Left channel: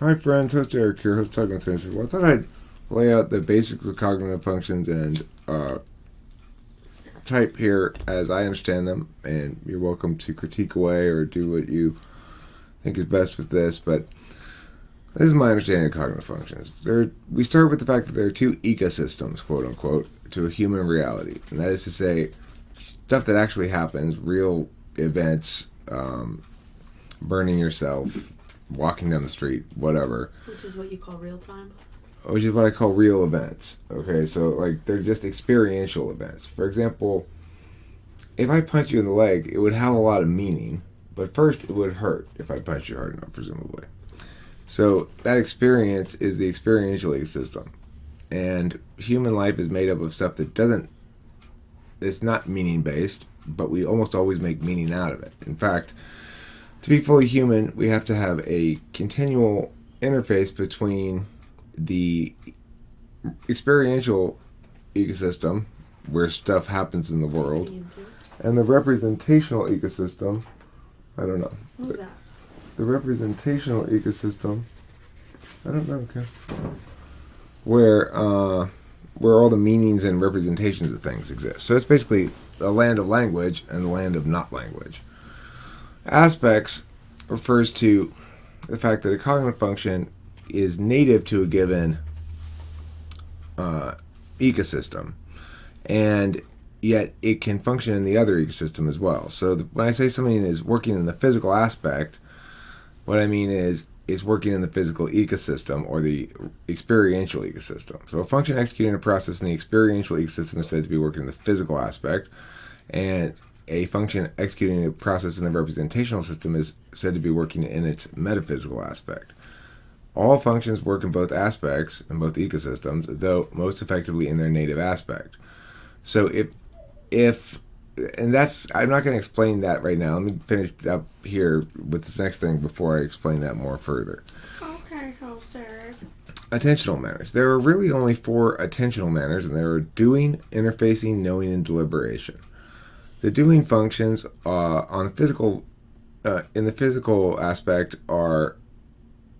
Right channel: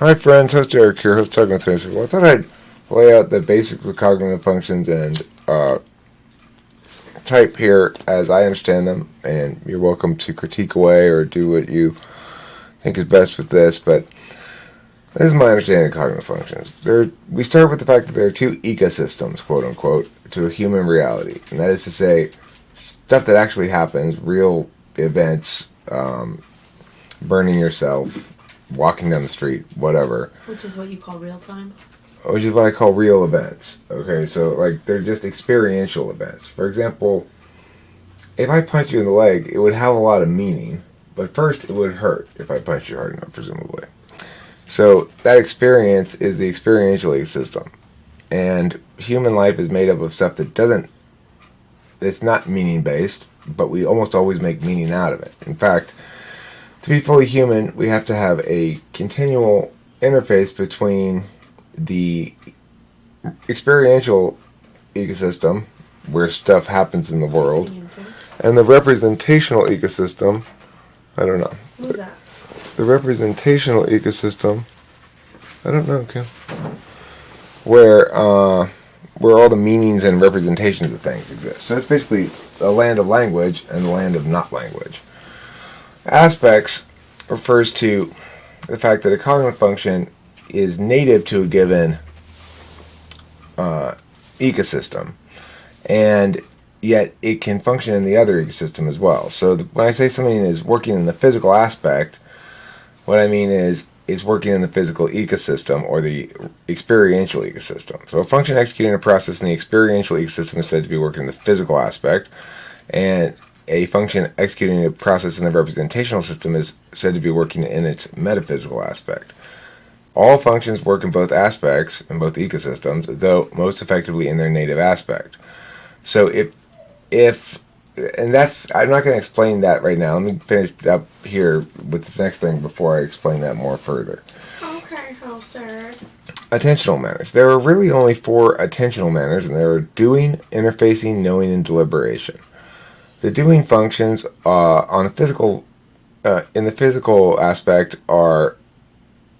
Hi friends, host Eric here, host Talking with Fancy. Well, I thought I'd lay out the basics of cognitive functions and type here as I understand them, and you're welcome to critique away or do what you think is best with this, but this is my understanding of cognitive functions. We start with the fact that there are two ecosystems, quote unquote, to a human reality, and that is to say, stuff that actually happens, real events, burning yourself, walking down the street, whatever. Which is what you call real time? Which is what I call real events. Okay, so like they're just experiential events. For example, if I punch you in the leg, it would have a lot of meaning, but first it would hurt if I punch you hard enough, presumably. So that experience is the experiential ecosystem. And human life is made up of stuff that it's not meaning based, but we almost always make meaning out of it. In fact, to be fully human, we have to have a continual interface between the experiential ecosystem, where stuff happens in the world, and the representational ecosystem. I don't know. Who's that? The representational ecosystem. I don't know. Okay. Where all the meanings and representations of things exist. So it's basically the land of language and the land of not language. Aspects refers to the fact that a cognitive function is native to a given ecosystem, and yet it can function in the other ecosystem as well. So when I say something is working in the physical aspect, what I mean is it's working in the physical ecosystem or the experiential ecosystem. So a function executing a process in the experiential ecosystem is said to be working in the physical aspect, and a function executing a process in the representational system is said to be working in its metaphysical aspect. All functions work in both aspects, in both ecosystems, though most effectively in their native aspect. So and that's, I'm not going to explain that right now. Let me finish up here with this next thing before I explain that more further. Okay, Holster. Attentional manners. There are really only 4 attentional manners, and there are doing, interfacing, knowing, and deliberation. The doing functions on the physical, in the physical aspect are,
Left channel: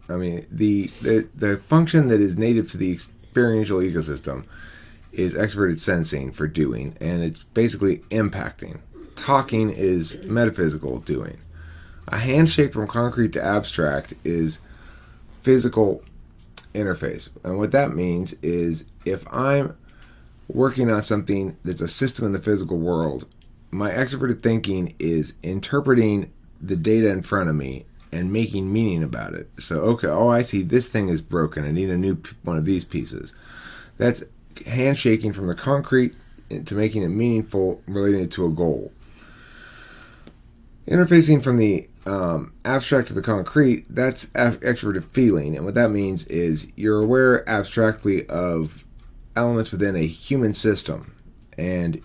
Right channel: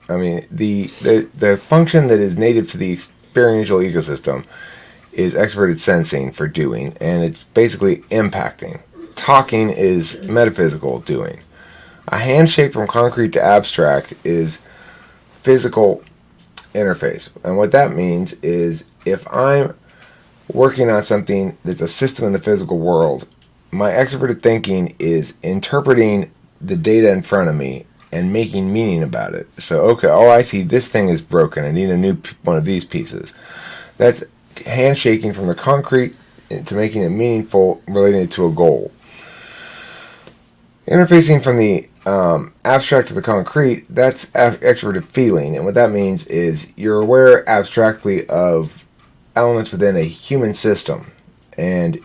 the function that is native to the experiential ecosystem is extroverted sensing for doing, and it's basically impacting. Talking is metaphysical doing. A handshake from concrete to abstract is physical interface. And what that means is if I'm working on something that's a system in the physical world, my extroverted thinking is interpreting the data in front of me and making meaning about it. So, okay, I see this thing is broken. I need a new one of these pieces. That's handshaking from the concrete to making it meaningful, relating it to a goal. Interfacing from the abstract to the concrete, that's extroverted feeling. And what that means is you're aware abstractly of elements within a human system and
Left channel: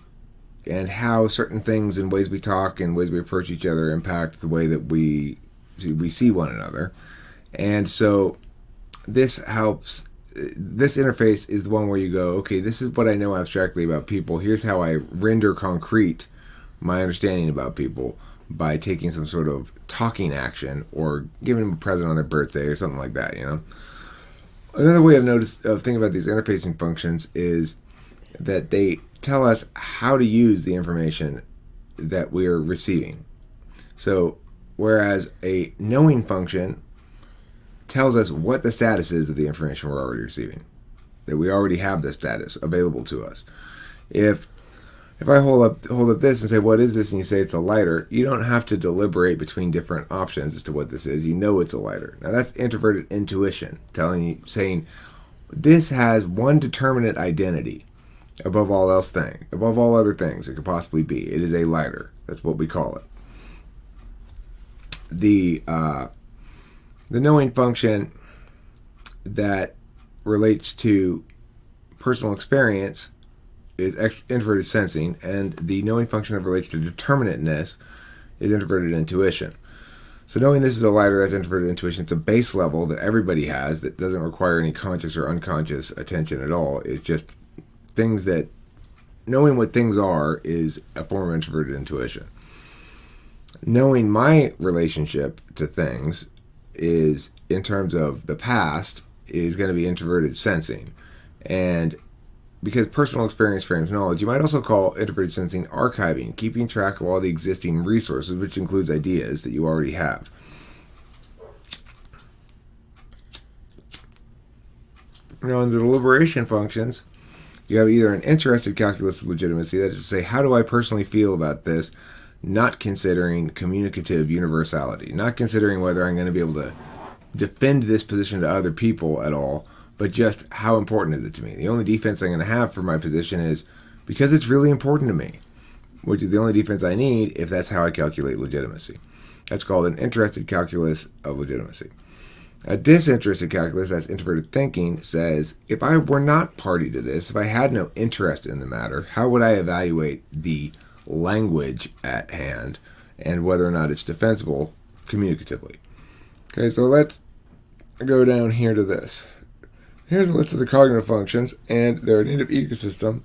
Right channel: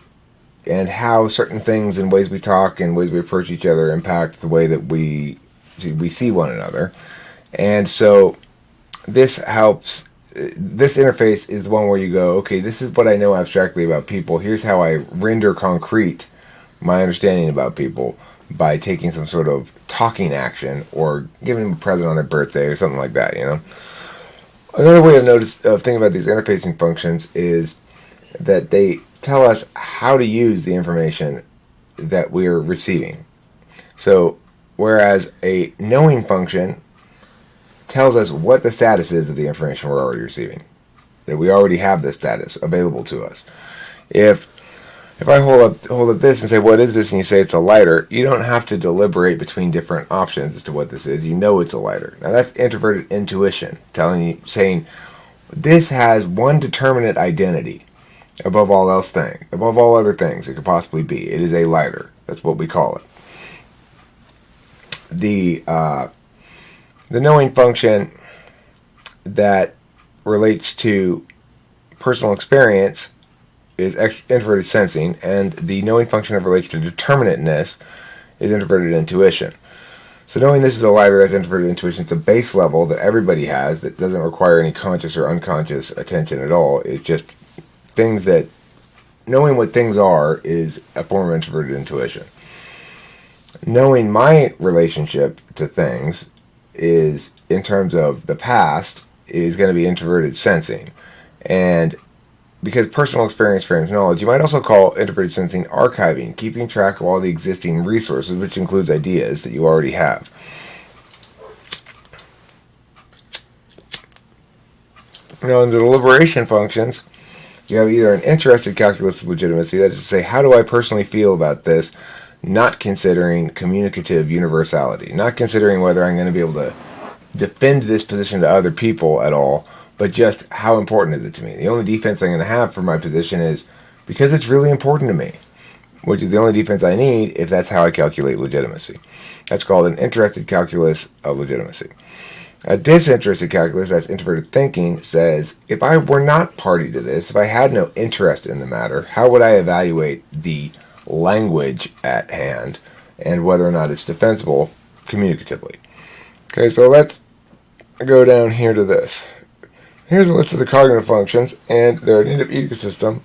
how certain things and ways we talk and ways we approach each other impact the way that we see one another. And so this helps. This interface is the one where you go, okay, this is what I know abstractly about people. Here's how I render concrete my understanding about people by taking some sort of talking action or giving them a present on their birthday or something like that, Another way of thinking about these interfacing functions is that they tell us how to use the information that we're receiving. So, whereas a knowing function tells us what the status is of the information we're already receiving, that we already have the status available to us. If I hold up this and say, what is this? And you say it's a lighter, you don't have to deliberate between different options as to what this is. You know it's a lighter. Now that's introverted intuition, saying this has one determinate identity above all other things it could possibly be. It is a lighter. That's what we call it. The knowing function that relates to personal experience is introverted sensing, and the knowing function that relates to determinateness is introverted intuition. So knowing this is a lighter, that's introverted intuition. It's a base level that everybody has that doesn't require any conscious or unconscious attention at all. It's just things that, knowing what things are is a form of introverted intuition. Knowing my relationship to things is, in terms of the past, is going to be introverted sensing. And because personal experience frames knowledge, you might also call introverted sensing archiving, keeping track of all the existing resources, which includes ideas that you already have. Now, in the deliberation functions, you have either an interested calculus of legitimacy, that is to say, how do I personally feel about this, not considering communicative universality, not considering whether I'm going to be able to defend this position to other people at all, but just how important is it to me. The only defense I'm going to have for my position is because it's really important to me, which is the only defense I need if that's how I calculate legitimacy. That's called an interested calculus of legitimacy. A disinterested calculus, that's introverted thinking, says, if I were not party to this, if I had no interest in the matter, how would I evaluate the language at hand and whether or not it's defensible communicatively? Okay, so let's go down here to this. Here's a list of the cognitive functions and their native ecosystem,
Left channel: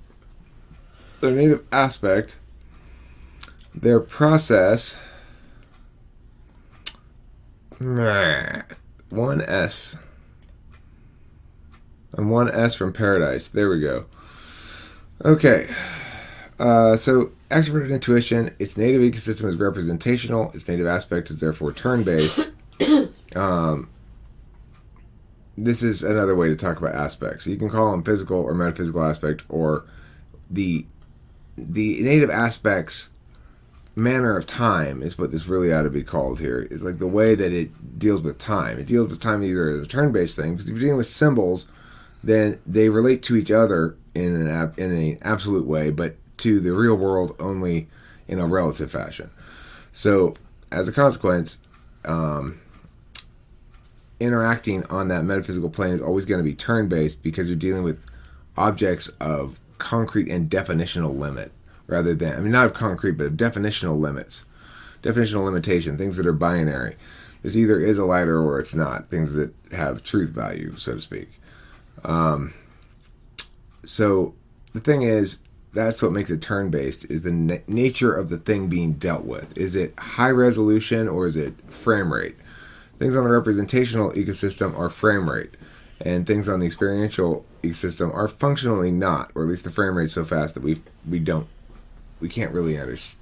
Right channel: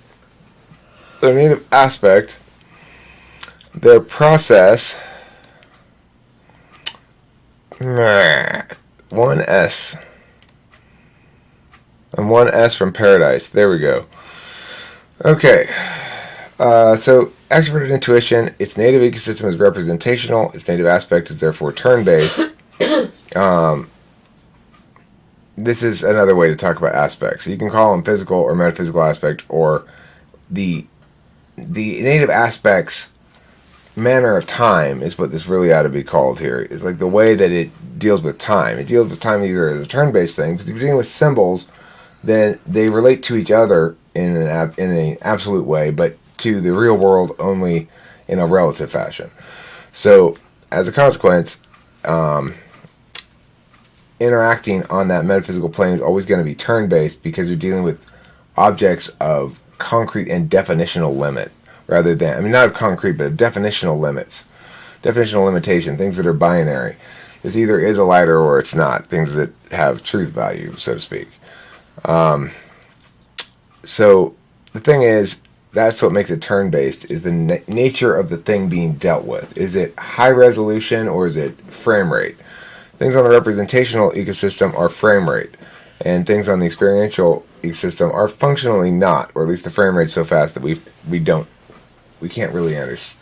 their native aspect, their process. 1S. And 1S from Paradise. There we go. Okay. So extroverted intuition, its native ecosystem is representational. Its native aspect is therefore turn-based. This is another way to talk about aspects. So you can call them physical or metaphysical aspect, or the native aspects manner of time is what this really ought to be called here. It's like the way that it deals with time. It deals with time either as a turn-based thing, because if you're dealing with symbols, then they relate to each other in an absolute way, but to the real world only in a relative fashion. So, as a consequence, interacting on that metaphysical plane is always going to be turn-based because you're dealing with objects of concrete and definitional limit, rather than, I mean, not of concrete, but of definitional limits, definitional limitation, things that are binary. This either is a lighter or it's not, things that have truth value, so to speak. So the thing is, that's what makes it turn-based, is the nature of the thing being dealt with. Is it high resolution or is it frame rate? Things on the representational ecosystem are frame rate, and things on the experiential ecosystem are functionally not, or at least the frame rate's so fast that we can't really understand.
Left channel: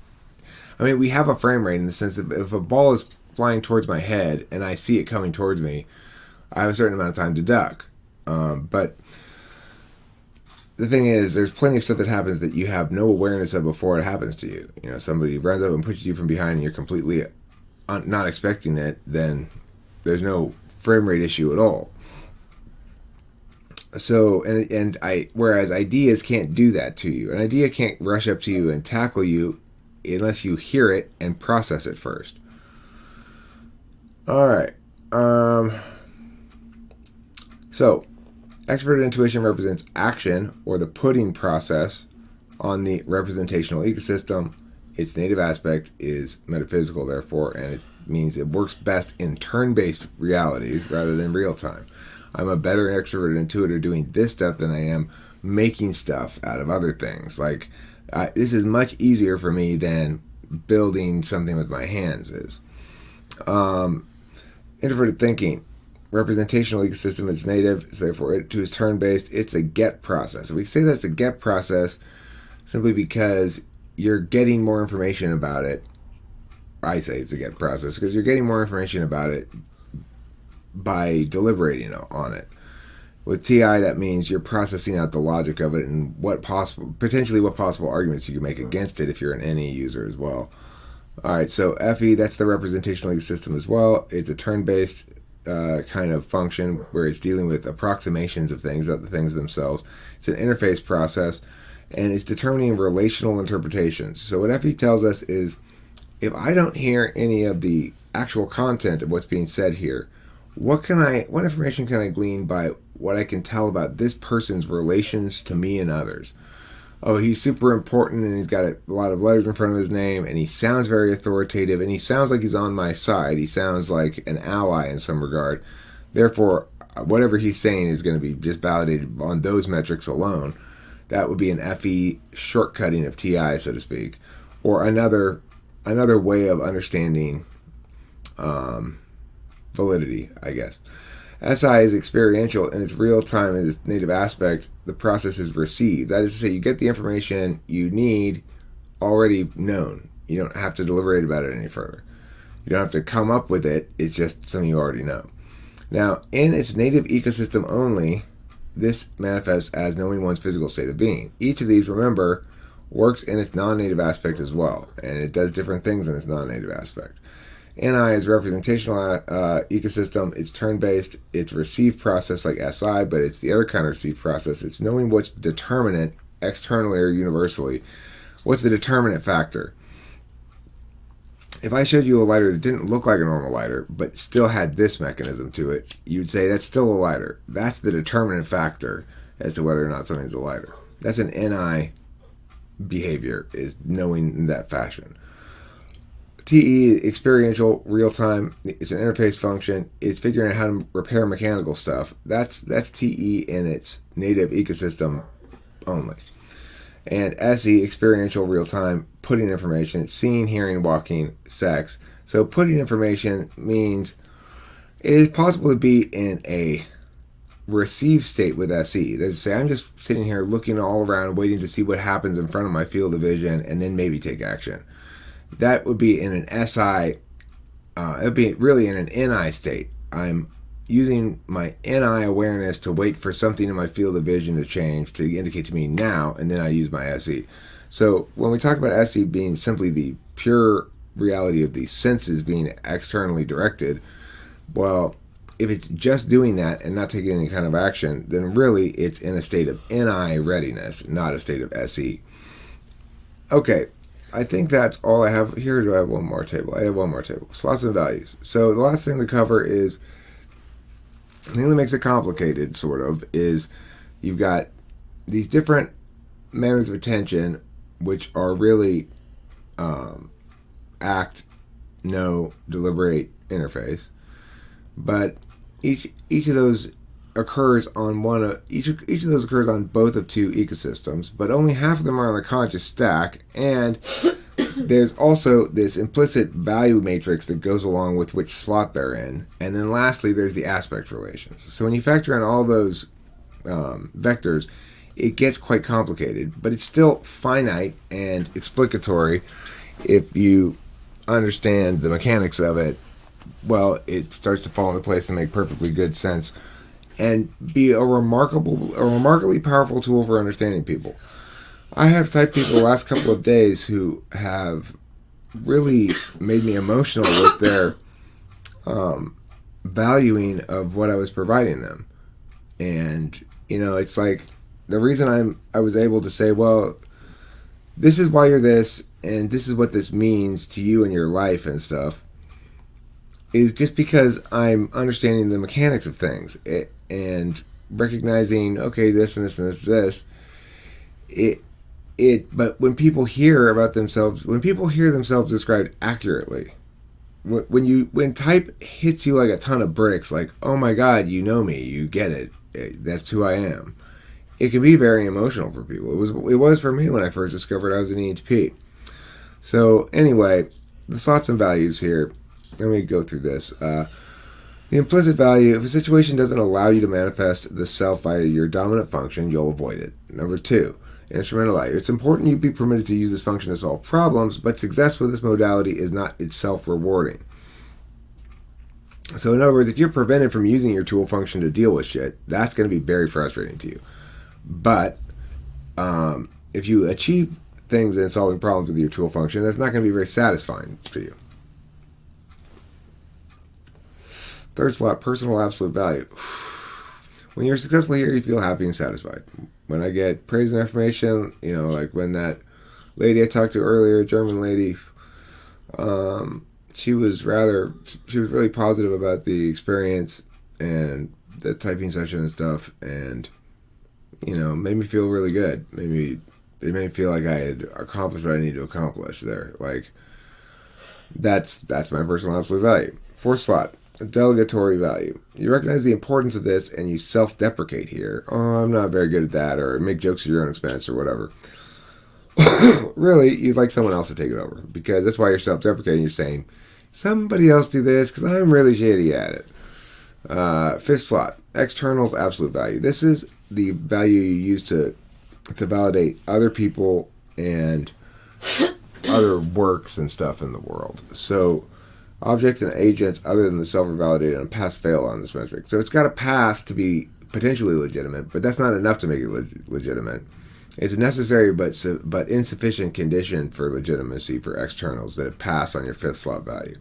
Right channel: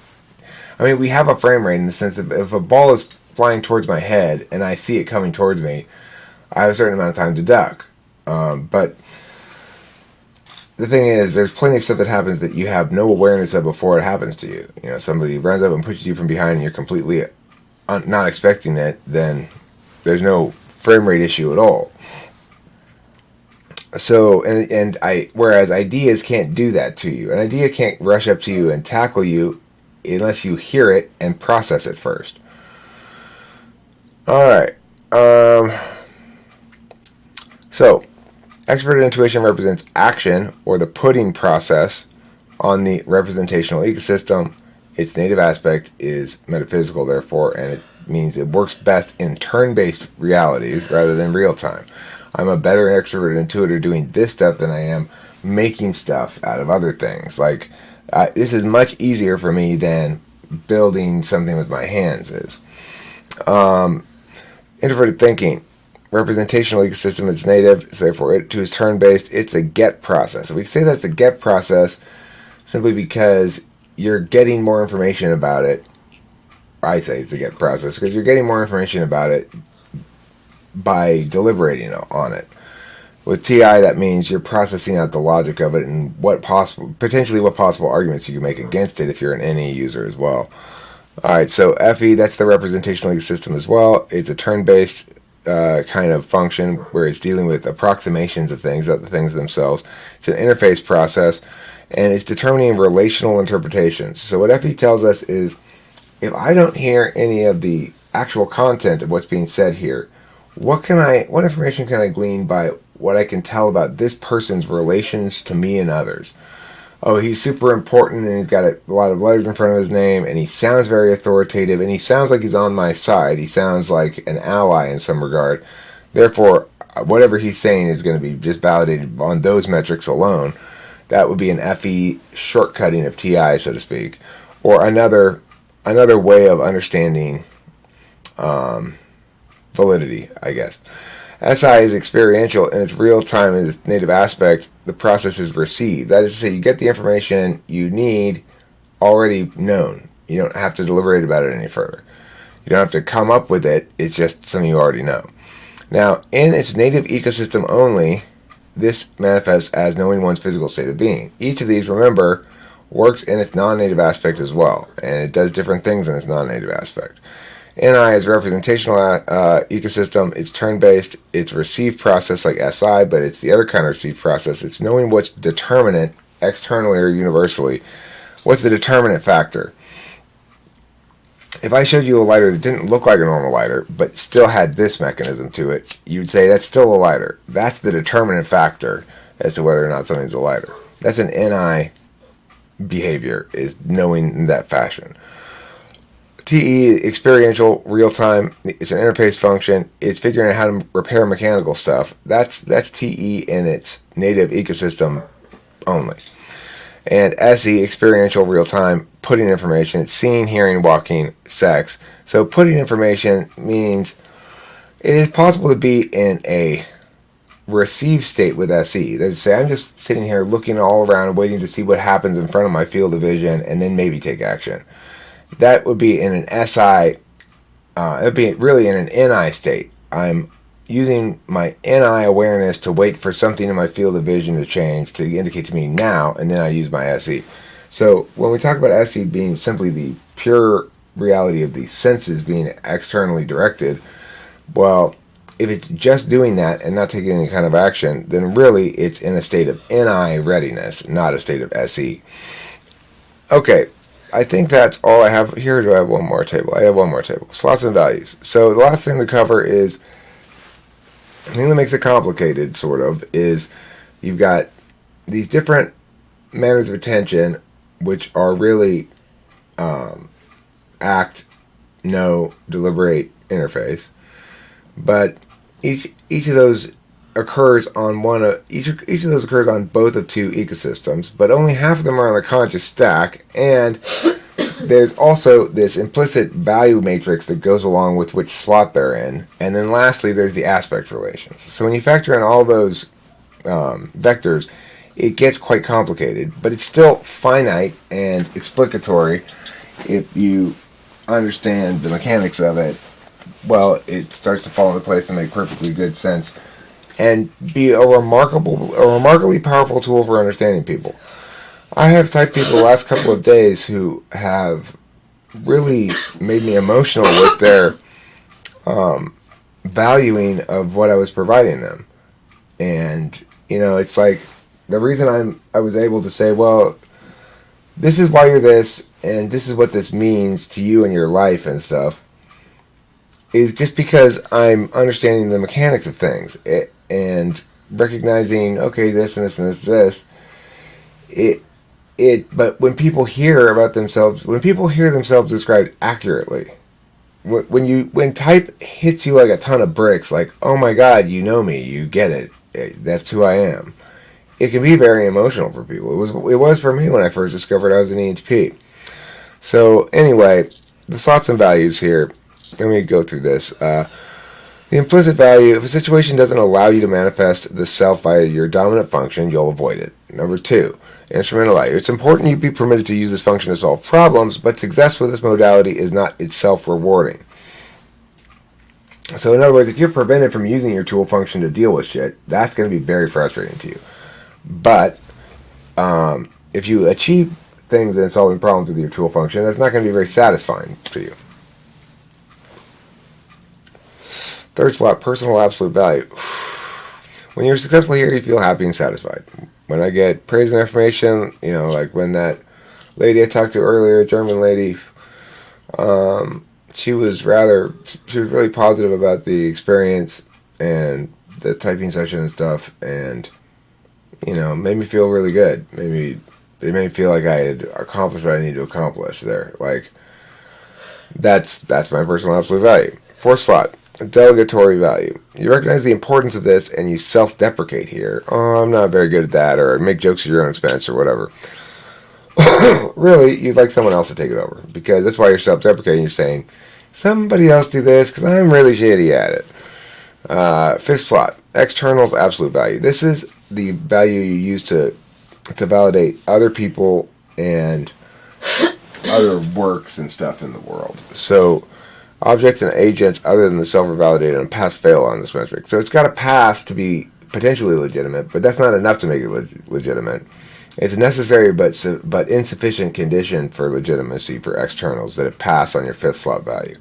I mean, we have a frame rate in the sense that if a ball is flying towards my head and I see it coming towards me, I have a certain amount of time to duck. But the thing is, there's plenty of stuff that happens that you have no awareness of before it happens to you. You know, somebody runs up and pushes you from behind and you're completely not expecting it, then there's no frame rate issue at all. So, whereas ideas can't do that to you. An idea can't rush up to you and tackle you unless you hear it and process it first. Alright. So, extroverted intuition represents action, or the putting process, on the representational ecosystem. Its native aspect is metaphysical, therefore, and it means it works best in turn-based realities rather than real-time. I'm a better extroverted intuitor doing this stuff than I am making stuff out of other things. Like, this is much easier for me than building something with my hands is. Introverted thinking. Representational ecosystem is native, so therefore it too is turn-based. It's a get process. So we say that's a get process simply because you're getting more information about it. I say it's a get process because you're getting more information about it by deliberating on it. With TI, that means you're processing out the logic of it and what possible arguments you can make against it if you're an NE user as well. Alright, so FE, that's the representational ecosystem as well. It's a turn-based kind of function where it's dealing with approximations of things, not the things themselves. It's an interface process, and it's determining relational interpretations. So what FE tells us is, if I don't hear any of the actual content of what's being said here, what information can I glean by what I can tell about this person's relations to me and others? Oh, he's super important and he's got a lot of letters in front of his name and he sounds very authoritative and he sounds like he's on my side. He sounds like an ally in some regard. Therefore, whatever he's saying is going to be just validated on those metrics alone. That would be an FE shortcutting of TI, so to speak. Or another way of understanding validity, I guess. SI is experiential and it's real time in its native aspect. The process is received. That is to say, you get the information you need already known. You don't have to deliberate about it any further. You don't have to come up with it. It's just something you already know. Now, in its native ecosystem only, this manifests as knowing one's physical state of being. Each of these, remember, works in its non-native aspect as well, and it does different things in its non-native aspect. NI is representational ecosystem. It's turn-based. It's received process like SI, but it's the other kind of received process. It's knowing what's determinate externally or universally. What's the determinant factor? If I showed you a lighter that didn't look like a normal lighter, but still had this mechanism to it, you'd say that's still a lighter. That's the determinant factor as to whether or not something's a lighter. That's an NI behavior, is knowing in that fashion. TE, experiential, real time. It's an interface function. It's figuring out how to repair mechanical stuff. That's TE in its native ecosystem only. And SE, experiential, real time, putting information. It's seeing, hearing, walking, sex. So putting information means it is possible to be in a receive state with SE. That is to say, I'm just sitting here looking all around, waiting to see what happens in front of my field of vision, and then maybe take action. That would be in an SI, it would be really in an NI state. I'm using my NI awareness to wait for something in my field of vision to change, to indicate to me now, and then I use my SE. So when we talk about SE being simply the pure reality of the senses being externally directed, well, if it's just doing that and not taking any kind of action, then really it's in a state of NI readiness, not a state of SE. Okay. I think that's all I have here. Do I have one more table? I have one more table. Slots and values. So the last thing to cover is, the thing that makes it complicated, sort of, is you've got these different manners of attention, which are really act, know, deliberate, interface. But each of those occurs on each of those occurs on both of two ecosystems, but only half of them are on the conscious stack, and there's also this implicit value matrix that goes along with which slot they're in, and then lastly there's the aspect relations. So when you factor in all those vectors, it gets quite complicated, but it's still finite and explicatory if you understand the mechanics of it. Well, it starts to fall into place and make perfectly good sense and be a remarkably powerful tool for understanding people. I have typed people the last couple of days who have really made me emotional with their valuing of what I was providing them. And, it's like the reason I was able to say, well, this is why you're this, and this is what this means to you and your life and stuff, is just because I'm understanding the mechanics of things. And recognizing, okay, this and this and this, but when people hear about themselves, when people hear themselves described accurately, when type hits you like a ton of bricks, like, oh my God, you know me, you get it, that's who I am, it can be very emotional for people. It was for me when I first discovered I was an ENTP. So anyway, the thoughts and values here. Let me go through this. The implicit value, if a situation doesn't allow you to manifest the self via your dominant function, you'll avoid it. Number 2, instrumental value. It's important you be permitted to use this function to solve problems, but success with this modality is not itself rewarding. So in other words, if you're prevented from using your tool function to deal with shit, that's going to be very frustrating to you. But if you achieve things in solving problems with your tool function, that's not going to be very satisfying for you. Third slot, personal absolute value. When you're successful here, you feel happy and satisfied. When I get praise and affirmation, like when that lady I talked to earlier, a German lady, she was really positive about the experience and the typing session and stuff, and, made me feel really good. It made me feel like I had accomplished what I needed to accomplish there. Like, that's my personal absolute value. Fourth slot, delegatory value. You recognize the importance of this and you self-deprecate here. Oh, I'm not very good at that, or make jokes at your own expense or whatever. Really, you'd like someone else to take it over, because that's why you're self-deprecating. You're saying, somebody else do this because I'm really shitty at it. Fifth slot, externals absolute value. This is the value you use to validate other people and other works and stuff in the world. So objects and agents other than the self are validated and pass fail on this metric. So it's got to pass to be potentially legitimate, but that's not enough to make it legitimate. It's a necessary but insufficient condition for legitimacy for externals that it pass on your fifth slot value.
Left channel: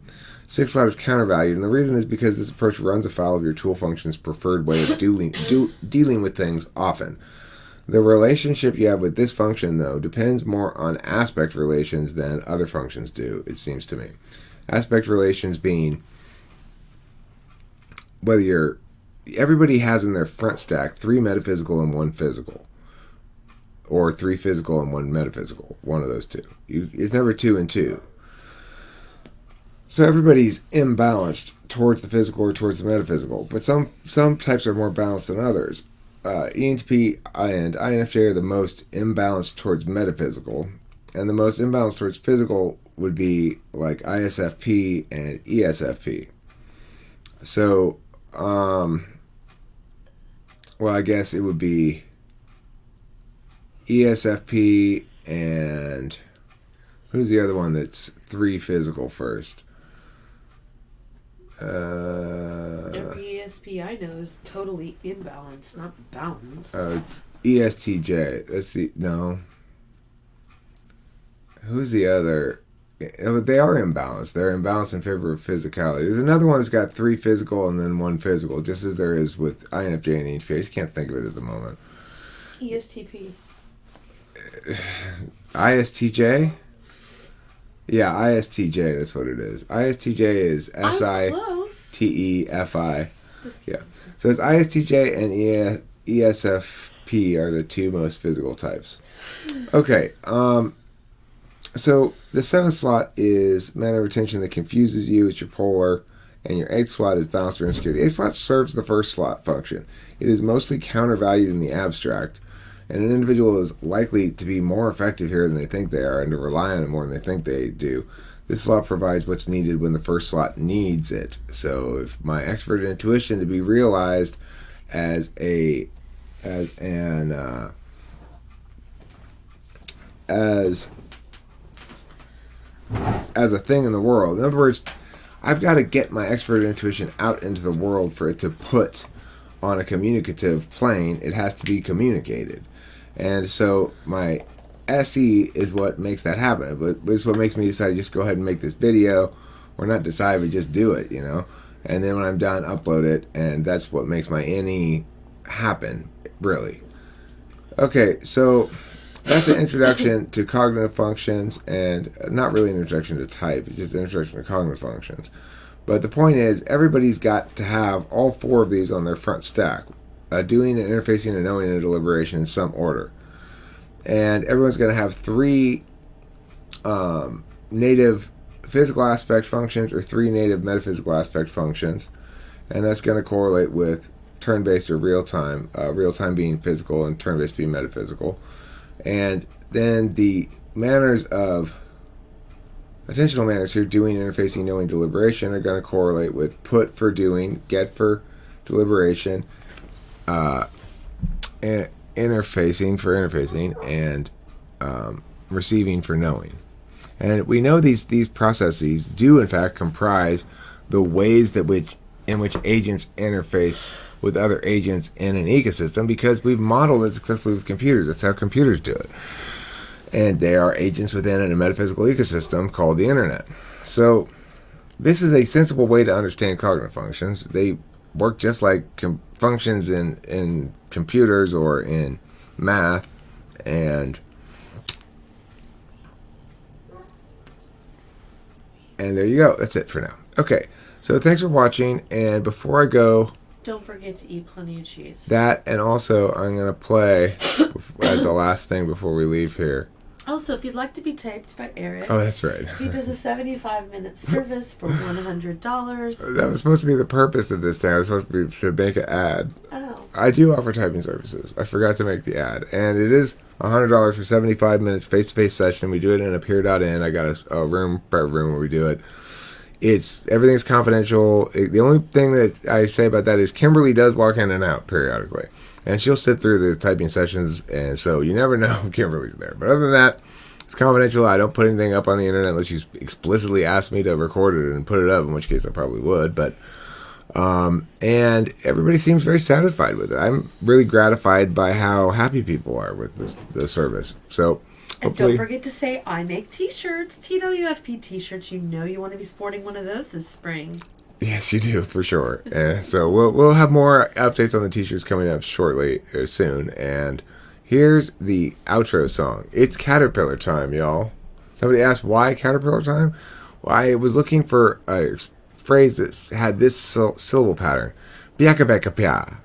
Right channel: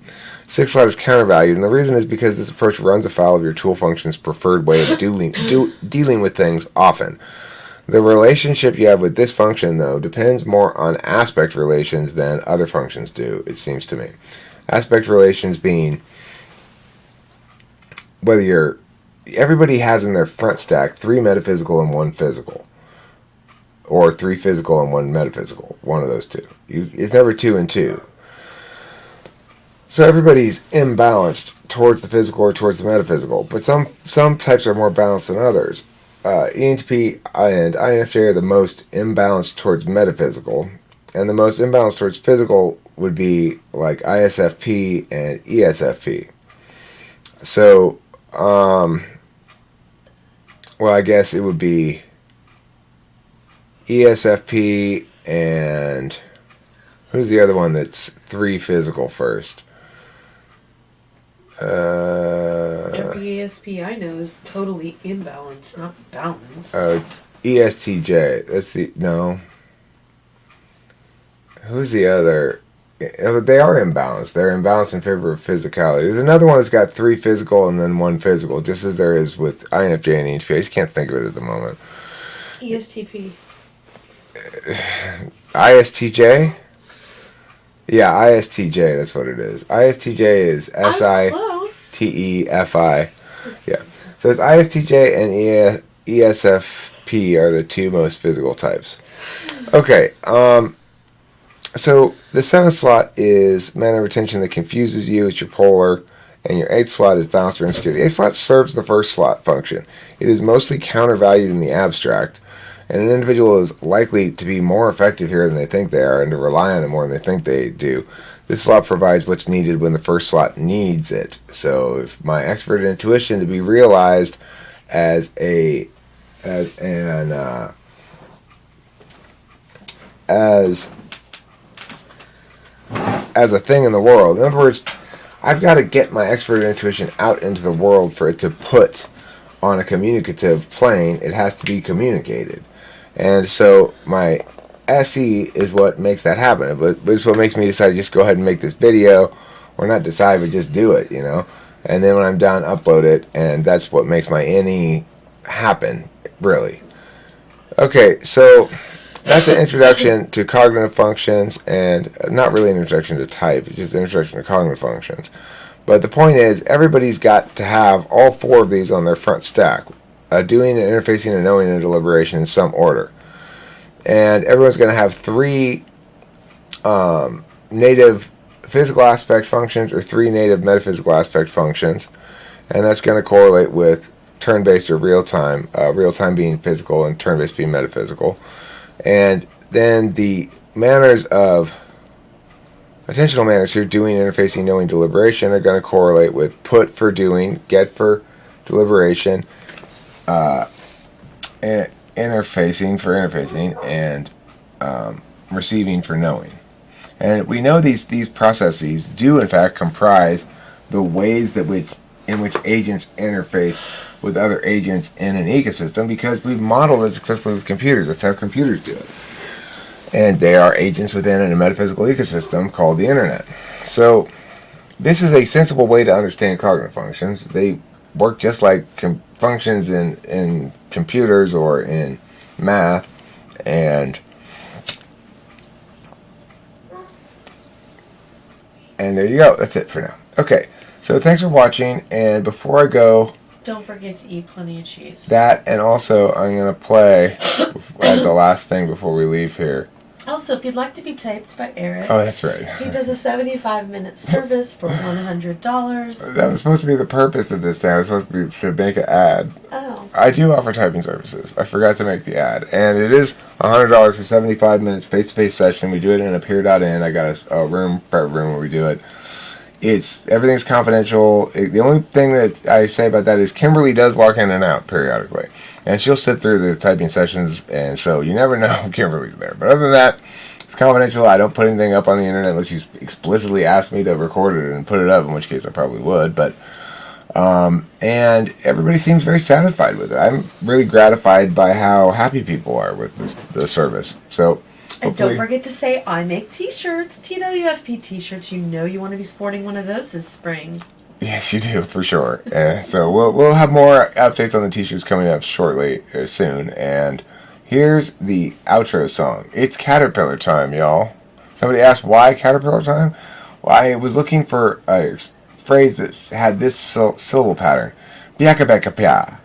Sixth slot is countervalued, and the reason is because this approach runs afoul of your tool function's preferred way of dealing with things often. The relationship you have with this function, though, depends more on aspect relations than other functions do, it seems to me. Aspect relations being whether everybody has in their front stack 3 metaphysical and 1 physical. Or 3 physical and 1 metaphysical. One of those two. It's never 2 and 2. So everybody's imbalanced towards the physical or towards the metaphysical. But some types are more balanced than others. ENTP and INFJ are the most imbalanced towards metaphysical. And the most imbalanced towards physical would be like ISFP and ESFP. So, well, I guess it would be ESFP and who's the other one that's 3 physical first? Every ESP I know is totally imbalanced, not balanced. ESTJ. No. Who's the other? They are imbalanced. They're imbalanced in favor of physicality. There's another one that's got 3 physical and then 1 physical, just as there is with INFJ and ENFP. I just can't think of it at the moment. ESTP. ISTJ? Yeah, ISTJ, that's what it is. ISTJ is SITEFI. Yeah. So it's ISTJ and ESFP are the 2 most physical types. Okay, so the 7th slot is manner of attention that confuses you. It's your polar. And your 8th slot is balanced or insecure. The 8th slot serves the first slot function. It is mostly countervalued in the abstract. And an individual is likely to be more effective here than they think they are and to rely on it more than they think they do. This slot provides what's needed when the first slot needs it. So if my extrovert intuition to be realized as a thing in the world. In other words, I've got to get my extrovert intuition out into the world for it to put on a communicative plane. It has to be communicated. And so my SE is what makes that happen. But it's what makes me decide to just go ahead and make this video. Or not decide, but just do it, you know. And then when I'm done, upload it. And that's what makes my NE happen, really. Okay, so that's an introduction to cognitive functions. And not really an introduction to type. It's just an introduction to cognitive functions. But the point is, everybody's got to have all 4 of these on their front stack. Doing and interfacing and knowing and deliberation in some order. And everyone's going to have 3 native physical aspect functions or 3 native metaphysical aspect functions. And that's going to correlate with turn-based or real-time. Real-time being physical and turn-based being metaphysical. And then the manners of attentional manners here, doing, interfacing, knowing, deliberation, are going to correlate with put for doing, get for deliberation, and interfacing for interfacing, and receiving for knowing. And we know these processes do in fact comprise the ways in which agents interface with other agents in an ecosystem, because we've modeled it successfully with computers. That's how computers do it. And they are agents within a metaphysical ecosystem called the internet. So this is a sensible way to understand cognitive functions. They work just like functions in computers or in math. And there you go. That's it for now. Okay, so thanks for watching. And before I go, don't forget to eat plenty of cheese. That, and also I'm going to play the last thing before we leave here. Also, if you'd like to be typed by Eric. Oh, that's right. He does a 75-minute service for $100. That was supposed to be the purpose of this thing. I was supposed to make an ad. Oh. I do offer typing services. I forgot to make the ad. And it is $100 for 75 minutes face-to-face session. We do it in a peer.in. I got a private room where we do it. Everything's confidential. The only thing that I say about that is Kimberly does walk in and out periodically, and she'll sit through the typing sessions, and so you never know if Kimberly's there. But other than that, it's confidential. I don't put anything up on the internet unless you explicitly ask me to record it and put it up, in which case I probably would. But and everybody seems very satisfied with it. I'm really gratified by how happy people are with the service. So. And don't forget to say, I make t-shirts, TWFP t-shirts. You know you want to be sporting one of those this spring. Yes, you do, for sure. And so we'll have more updates on the t-shirts coming up shortly, or soon. And here's the outro song. It's Caterpillar time, y'all. Somebody asked why Caterpillar time? Well, I was looking for a phrase that had this syllable pattern. Piaka beka pia.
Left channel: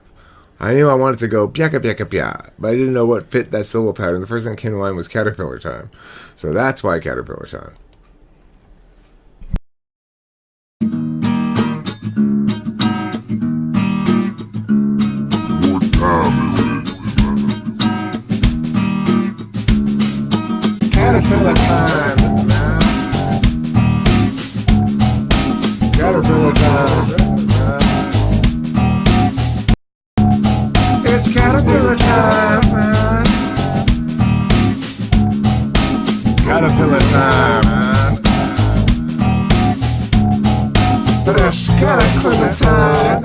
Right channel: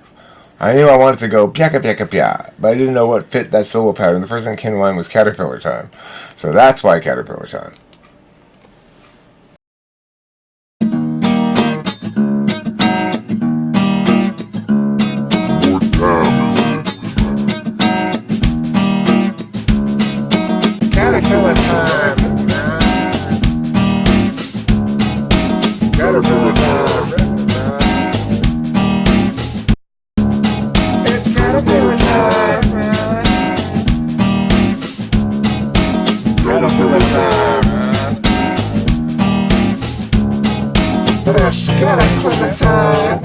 I knew I wanted to go piaka piaka pia, but I didn't know what fit that syllable pattern. The first thing that came to mind was Caterpillar time. So that's why Caterpillar time. Caterpillar time. Caterpillar time. It's Caterpillar time. Caterpillar time. It's Caterpillar time.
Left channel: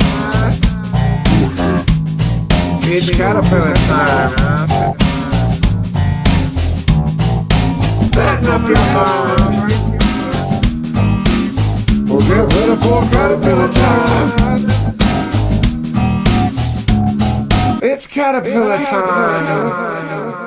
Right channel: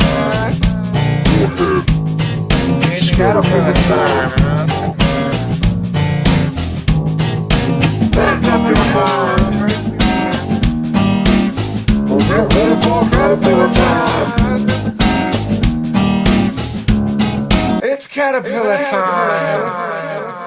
It's Caterpillar time. Back up your mind. We'll get ready for Caterpillar time. It's Caterpillar time.